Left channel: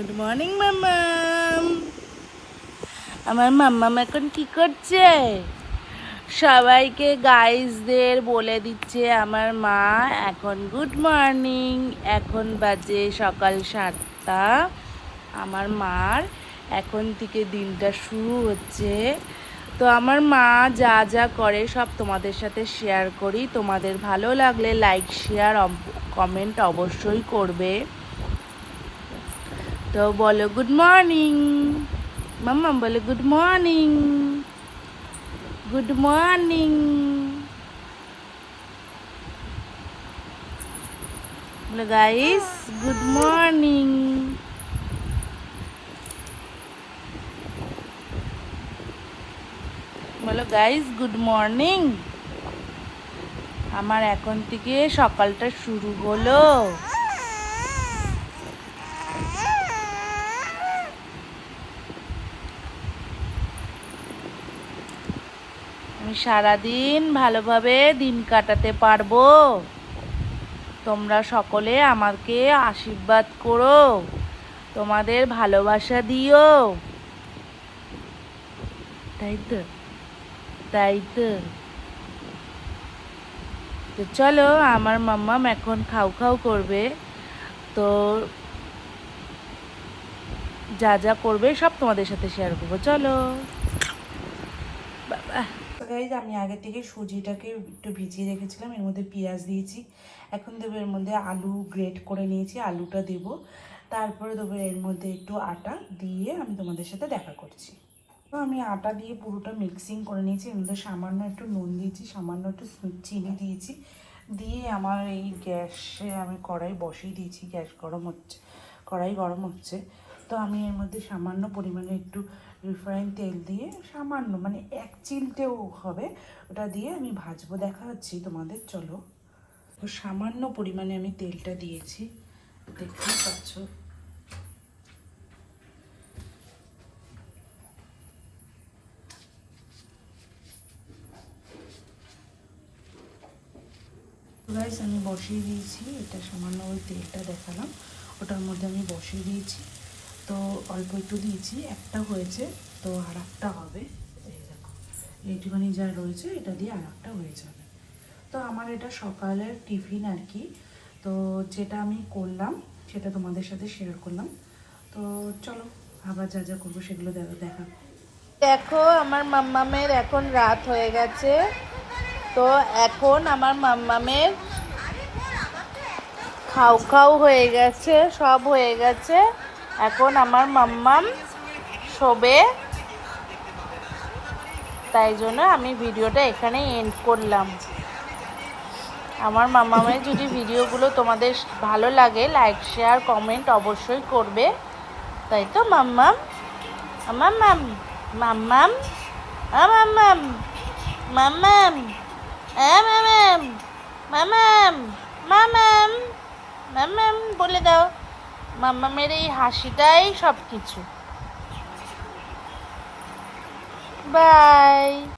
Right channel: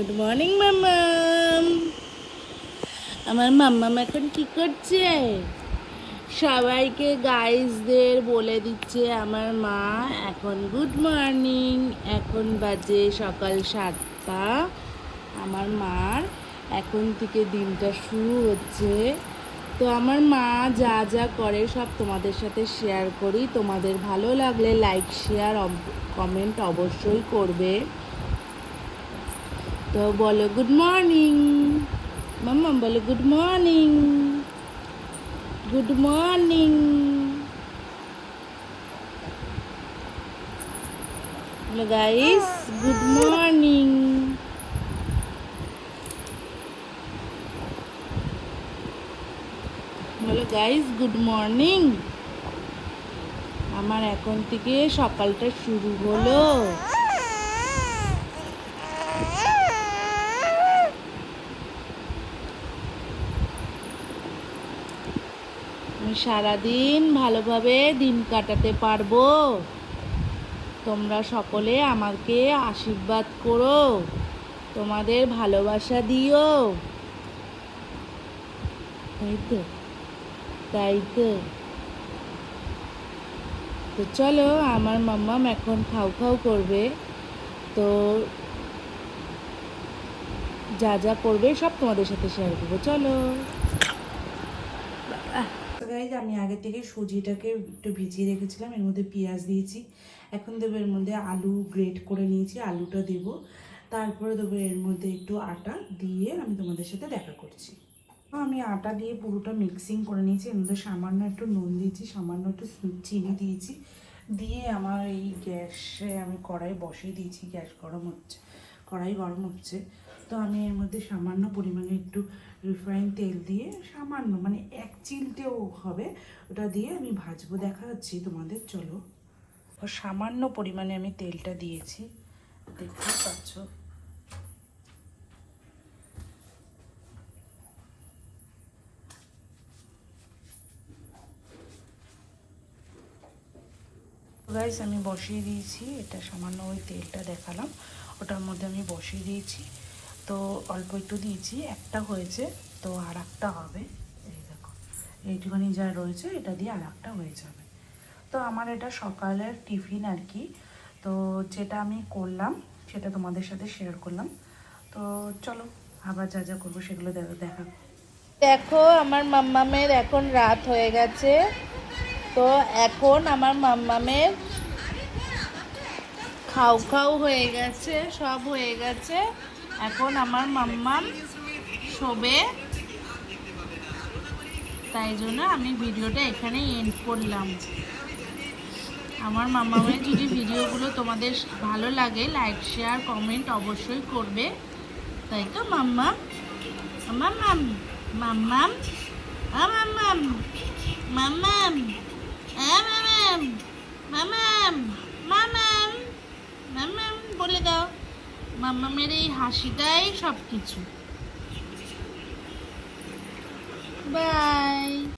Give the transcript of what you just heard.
Good morning মাম্মাম। আমার মাম্মাম এখন কি করছে? সবাইকে গাইজদের বলে দিচ্ছে আমার মা এখন গুড মর্নিং। এখন বাজে সকাল 7টা। আমার মার এখন থেকে দিনটা শুরু হচ্ছে। তো আমার মা যা যা করে সব তোমাদের সাথে শেয়ার করি। তোমাদের ভালো লাগলে লাইক শেয়ার কমেন্ট অবশ্যই করবে। তো বলো গুড মর্নিং মাম্মা, বলো গুড মর্নিং, গুড মর্নিং। বলো গাইস গুড মর্নিং। বলো গাইস গুড মর্নিং। আমার এখন থেকে সকালটা শুরু হলো। আমি সারাদিন ভালোভাবে দিন কাটাতে পারবো। তোমরা সকলে আমাকে আশীর্বাদ করো, তোমাদের ভালোবাসা দিও। তাই তো, তাই তো। তো চলো, আমার মাম্মাম এখন খাও খাও করবে। তো যা যা করবে সব তোমাদের সাথে শেয়ার করবো। চলো বাবা। গাইজ, আমি আগে থেকে সুজিটাকে একটু ভিজিয়ে রেখেছিলাম, এর মধ্যে পেঁয়াজ দিয়েছি। এখন দেবো এর মধ্যে আলু গ্রেট করে নিয়েছি, আলুটা দেব। তারপরে দেবো এর মধ্যে একটু আটা দিয়ে আমি তোমাদের সাথে দেখা করছি। আমি আটা দিয়ে পুরোটা মিক্সিং করে নিয়েছি। এর মধ্যে সামান্য একটু নুন দিয়েছি, সামান্য একটু চিনি দিয়েছি। দিয়ে আমার এই গ্যাসে আমি কড়াই বসিয়ে দিয়েছি। গ্যাস গরম হচ্ছে, কড়াই গরম হচ্ছে। তো আমি এর মধ্যে সামান্য পরিমাণে একটু রিফাইন তেল দিয়ে, সামান্য মানে 1 চিমটেও হবে, ওটা দিয়ে আমি ভাজবো। দেখা যাচ্ছে তোমাদের। চলো, সামান্য পরিমাণে আমি তেলটা দিয়েছি, দেখতেই পাচ্ছ। গাইস, আমি বসিয়ে দিয়েছি। এটা সামান্য ওই তেলটা দেখালাম, ওটার মধ্যে আমি বসিয়ে দিয়েছি। তো অল্প একটু দিয়েছি, একটা হয়েছে, তো আর একটা হবে। এই দেখো, এইটুখানি যা রয়েছে এটা দিয়ে আর একটা হয়ে যাবে। তো আমার এটা সকালের টিফিন আর কি। তো যেটা আমি করলাম সেটা তোমাদের সাথে শেয়ার করলাম। তো চলো, আবার যা যা করবো সেগুলো দেখা। দেখো, আমার মাম্মামের এখন রাত হয়ে গেছে। তো এখন আমার মাম্মামের খাও খাও হয়ে গেছে, সব হয়ে গেছে। এখন আমার মাম্মাম শোবে। তাই জন্য আমি ভিডিওটা এখানে এন্ড করলাম। আমার মাম্মামের যদি ভিডিওগুলো তোমাদের ভালো লাগে লাইক শেয়ার কমেন্ট অবশ্যই করবে। তাই তো মাম্মাম, মাম্মাম, মাম্মাম, মাম্মাম, মাম্মাম, মাম্মাম, মাম্মাম, মাম্মাম, মাম্মাম বলে দাও। মাম্মামের এই হাসিটাই সব কিছু। বাই।